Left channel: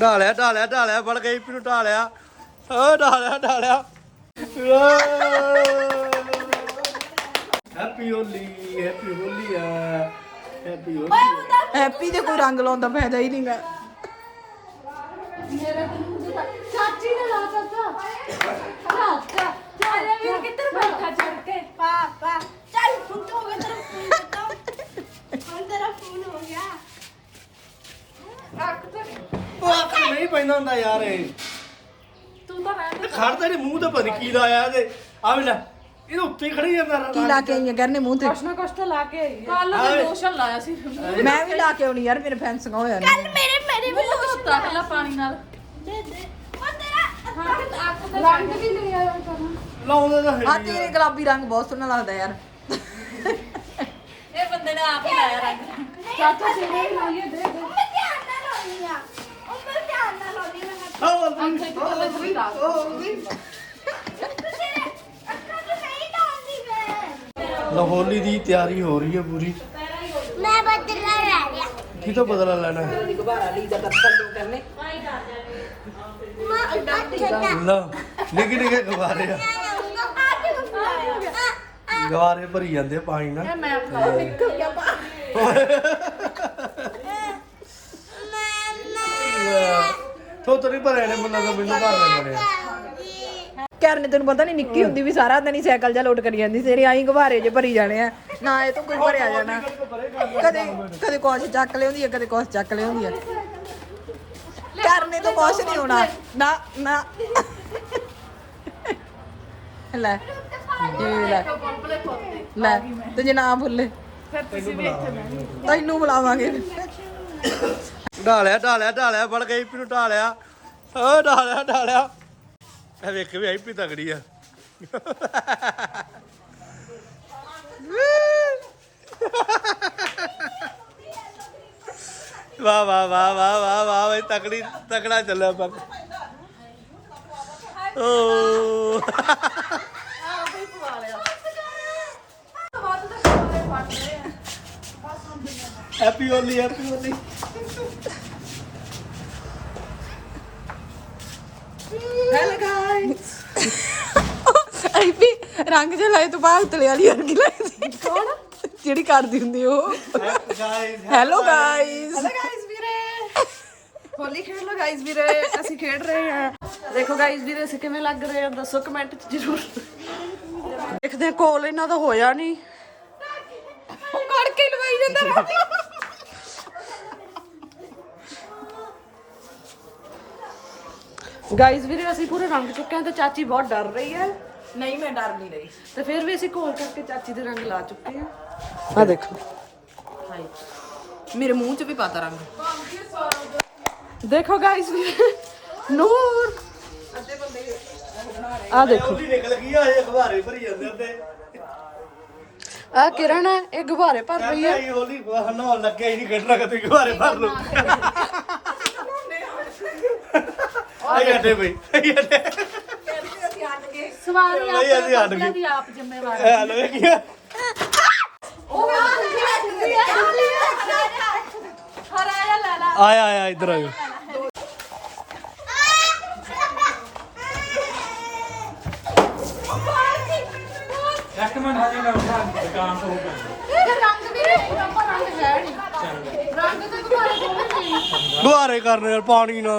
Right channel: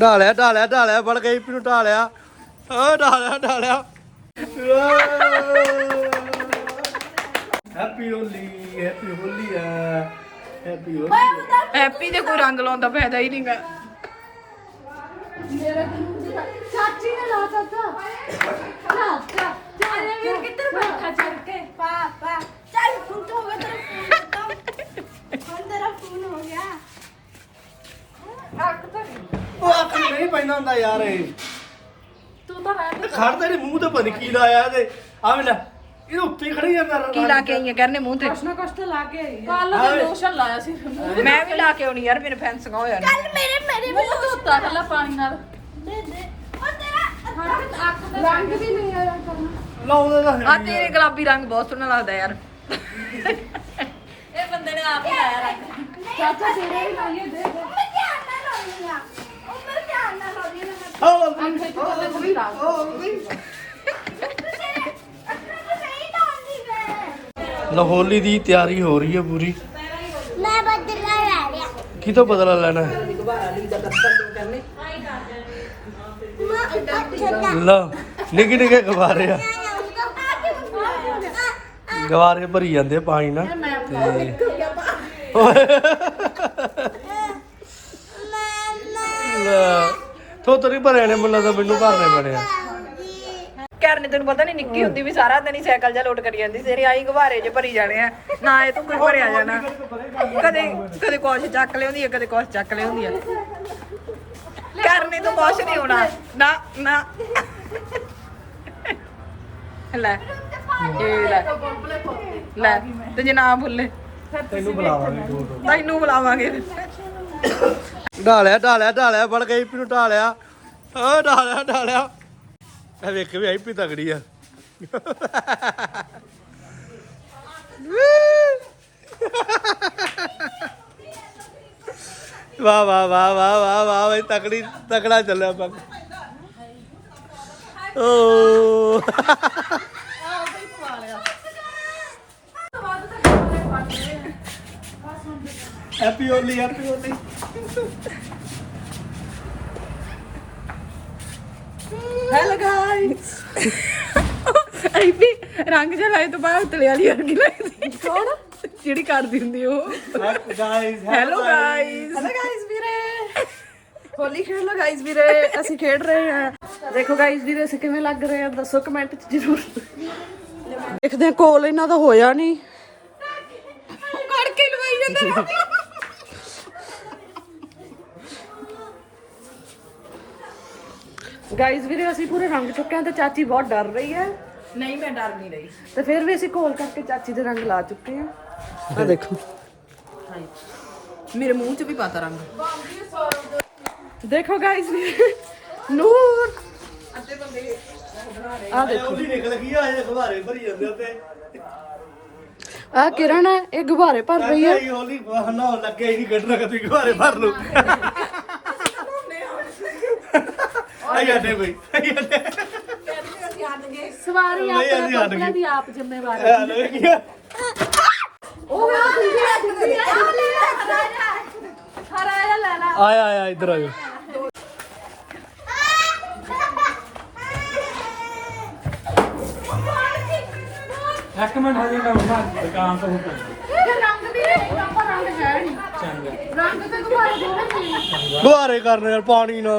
ਡਾ ਲਿਆ ਡਾ ਲਿਆ ਡਾ ਲਿਆ ਬੜ ਗਈ ਪੀ ਨੂੰ ਲਿਆ ਓ ਡਾ ਲਿਆ ਡਾ ਲਿਆ ਹੈਪੀ ਹੋਲੀ ਹੈਪੀ ਹੋਲੀ ਹੈਪੀ ਹੋਲੀ ਹੈਪੀ ਦੇ ਕੋਈ ਰੰਗ ਲਾਉਂਦਾ ਫਾਇਦਾ ਹੀ ਨਹੀਂ ਗਾ ਮੇਰਾ ਨਹੀਂਗਾ ਚਾਚੀ ਨੇ ਲਾ ਚਾਚਾ ਹਾਂ ਹਾਂ ਚੱਲ ਯਾਰ ਕਿੱਧਰ ਬੈਠਾ ਜੁਰ ਕੇ ਪਾ ਪਾ ਚੱਲ ਫੁੱਟ ਹੋ ਗਿਆ ਤੇਰਾ ਨਹੀਂ ਪੈਂਦਾ ਹੁੰਦਾ ਯਾਰ ਇਹ ਤੂੰ ਤਾਂ ਰਹਿ ਤੇ ਖੜ ਤੇਰੇ ਮੂੰਹ ਤੇ ਬਣ ਕੀ ਲਾਇਆ ਇਹਦੇ ਆ ਵੀ ਲੈ ਇਹ ਉੱਤੇ ਹੀ ਖੜੀ ਜਾਂਦਾ ਰਹਿ ਕੀ ਲਾ ਕੇ ਆਈਆਂ ਗਰਨੇ ਮੂੰਹ ਤੇ ਕਸ਼ਮਾ ਕਸ਼ਤ ਲਾ ਕੇ ਕੱਲ ਮੈਂ ਲੋਸ਼ਨ ਲਾਇਆ ਸੀ ਮੈਂ ਵੀ ਲਾ ਕੇ ਆਉਣੀ ਯਾਰ ਮੇਰੇ ਫੈਂਸਗਾ ਹੋਇਆ ਕੱਲ ਮੇਰੇ ਮੇਰੇ ਵੀ ਮੂੰਹ ਧੋਤਾ ਥਲਾ ਪਾਣੀ ਨਾਲ ਆ ਤੇਰੇ ਗੁਲਾਬੀ ਰੰਗ ਬਹੁਤ ਸੋਹਣਾ ਲੱਗਦਾ ਯਾਰ ਇਹ ਬੰਦੇ ਨੇ ਆਪ ਲਾਇਆ ਰੰਗ ਚਾਚਾ ਤੇਰੇ ਲਾਈਏ ਦੇ Oh, I'm taking oh, the oh, lid out. Oh, oh, ਲਾਹੌਲੀ ਦੀ ਤਿਆਰੀ ਹੋ ਰਹੀ ਹੈ ਪੂਰੀ ਮੈਂ ਬਦਲਾ ਲੈ ਰਿਹਾ ਕੀ ਤੋਂ ਬਦਲਾ ਲੈਣਾ ਹੈ ਲਾ ਨਿਕ ਨਿਕ ਗਵਾ ਰਿਹਾ ਗਵਾਰੇ ਭਰੀ ਜਾਂਦੇ ਪਾਣੀ ਨਾਲ ਓਏ ਪੁੱਤਰ ਹੀ ਭਰੇ ਨੇ ਮੁੱਲਾ ਤਾਂ ਮੈਨੂੰ ਭਰਨੇ ਪੜੇ ਆ ਕਰਨੇ ਤੈਨੂੰ ਪਤਾ ਨਹੀਂ ਨਿੱਕੀ ਹੁੰਦੀ ਵੀ ਸਾਰਾ ਦਿਨ ਹੀ ਸਾਈਕਲ ਜਾਂ ਲੋਟ ਕਰੀ ਜਾਂਦੀ ਤੇਰੇ ਆਈ ਗੁਬਾਰੇ ਜੇ ਭਰੀ ਜਾਣੇ ਆ ਨਾ ਇਹ ਤੂੰ ਕੋਈ ਭਰਿਆ ਜਾਣਾ ਕਦੇ ਕਦੇ ਕੁਝ ਚੱਕ ਲਿਆਉਂਦੀ ਆ ਕਦੇ ਕੁਝ ਚੱਕ ਲਿਆਉਂਦੀ ਆ ਕਰਨੇ ਤੋਂ ਕੁਝ ਨਹੀਂ ਹੋਣਾ ਨਾ ਨਾ ਲੈ ਤੇ ਲੈ ਲੈ ਤੇ ਜੇ ਨਾ ਭੁੱਲੇ ਫਿਰ ਤੁਸੀਂ ਵੀ ਇੱਥੇ ਮੈਂ ਤੈਨੂੰ ਬੁਲਾਵਾਂਗੇ ਢਾਲਿਆ ਢਾਲਿਆ ਢਾਲਿਆ ਫੜ ਗਈ ਪੀ ਢਾਲਿਆ ਆ ਡਾ ਲਿਆ ਡਾ ਐ ਵੇਖ ਵੀ ਆਈ ਪੀ ਤਗੜੀ ਆ ਵਾ ਵਾ ਵਾ ਵਾ ਵਾ ਵਾ ਵਾ ਤਕੜੀ ਤਕੜਾ ਚੱਲਿਆ ਪੰਗ ਓ ਹੈਪੀ ਹੋਲੀ ਹੈਪੀ ਹੋਲੀ ਹੈਲੋ ਗਾਇਜ਼ ਆਈ ਵੀ ਰੰਗ ਜੇ ਲਾਏ ਤੋਂ ਬਾਅਦ ਤਲੇ ਵਾਲੀ ਰੰਗ ਲਾਏ ਕੌਣ ਜਿਹੜੀ ਕਰਦੀ ਹੁੰਦੀ ਉਹ guys hello guys hello guys ਵੀਰੇ ਹੋਲੀ ਖੇਡ ਲੋ ਗਾਇਜ਼ ਵੀਰੇ ਅਸੀਂ ਖੇਡ ਰਹੇ ਹਾਂ ਦੇਖੋ ਗਾਇਜ਼ ਵੀਰੇ ਅਸੀਂ ਕਿਵੇਂ ਲੱਗ ਰਹੇ ਆ ਦੱਸੋ ਕਮੈਂਟ ਚ ਜਰੂਰ ਦੇਖਦੇ ਕੋਲ ਇਹਨਾਂ ਦਾ ਹੋਇਆ ਨਹੀਂ ਮੜ ਕੇ ਲਵਾਈ ਜਾਂਦੇ ਰੋਕ ਗਾਈਸ ਵੀਰੇ ਅਸੀਂ ਪੂਰੇ ਰੰਗ ਚੁੱਕੇ ਆਂ ਤੇ ਚਾਚੀ ਬਹੁਤ ਡਰ ਰਹੀ ਹੈ ਨਹੀਂ ਮੈਂ ਡਰ ਨਹੀਂ ਰਹੀ ਤੇ ਫਿਰ ਵੀ ਅਸੀਂ ਕੋਲ ਕਰਕੇ ਚਾਚੀ ਦੇ ਰੰਗ ਲਾ ਚੁੱਕੇ ਆਂ ਆ ਦੇਖੋ ਮੇਰੇ ਮੂੰਹ 'ਚ ਵੀ ਪਾਤਾ ਰੰਗ ਦੇਖੋ ਗਾਈਸ ਨੂਰ ਆ ਦੇਖੋ ਆ ਕਿਰਨ ਹੈ ਇਹ ਗੁਬਾਰੇ ਭਰ ਰਹੀ ਹੈ ਹੌਲੀ ਨਾ ਲੱਗੇ ਹੀ ਨਹੀਂ ਕੱਢਣਾ ਕਿ ਗੁਬਾਰੇ ਭਰ ਨੂੰ ਜਾਂਦੇ ਬਈ ਸਵਾਰੀ ਆਪ ਜਿੰਮੇਵਾਰ ਆ ਲੈ ਕੀ ਉਹ ਆ ਤੁਸੀਂ ਹਰਾ ਲੈਣਾ ਆਇਆ ਆਇਆ ਇੱਧਰ ਆਇਓ ਰੈਕਮੈਂਡ ਹੋ ਜਾਏਗਾ ਉਹਦਾ ਦੁਕਾਨ ਤੋਂ ਹੋ ਜਾਏਗਾ ਰੰਗ ਵੀ ਪ੍ਰੋਪਰ ਰੰਗ ਹੈ ਨਹੀਂ ਰੰਗ ਤਾਂ ਗੁਬਾਰੇ ਦੋਵੇਂ ਨਹੀਂ ਗੁਬਾਰੇ ਕਰਨੇ ਯਾਰ ਪਾਣੀ ਨਾ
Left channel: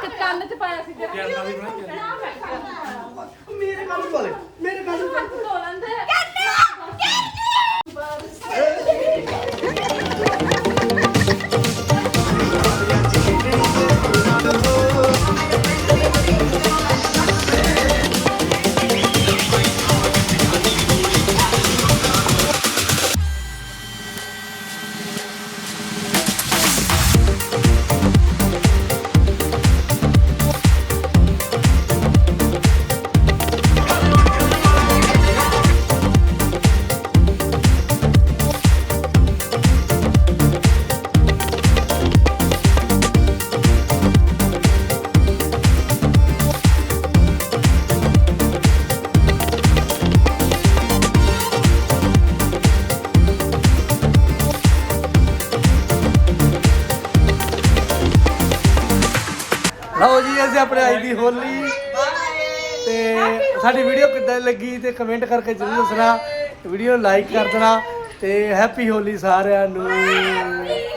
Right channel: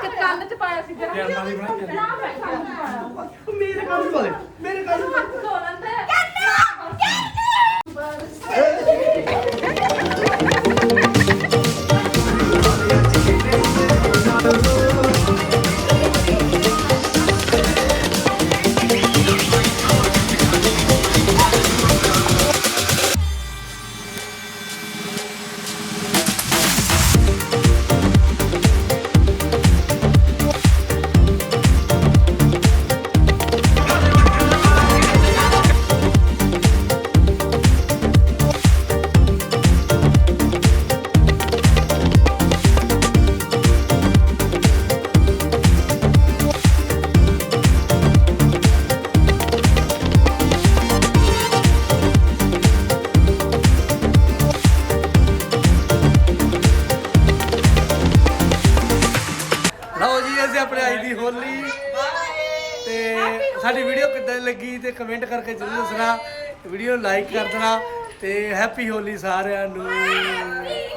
ਮੇਰੇ ਨਾਲ ਬੋਲੇ ਮੇਰੇ ਨਾਲ ਬੋਲੇ ਕਿੰਨਾ ਕਿੰਨਾ ਜੀ ਤੇ ਸਾਡੀ ਵੀਡੀਓ ਕਿੱਦਾਂ ਲੱਗੀ ਤੇ ਕਮੈਂਟ ਕਰਕੇ ਜਰੂਰ ਦੱਸਣਾ ਵੀਡੀਓ ਲਾਈਕ ਕਰ ਦੇਣਾ ਤੇ ਹੈਪੀ ਹੋਲੀ ਸਾਰਿਆਂ ਨੂੰ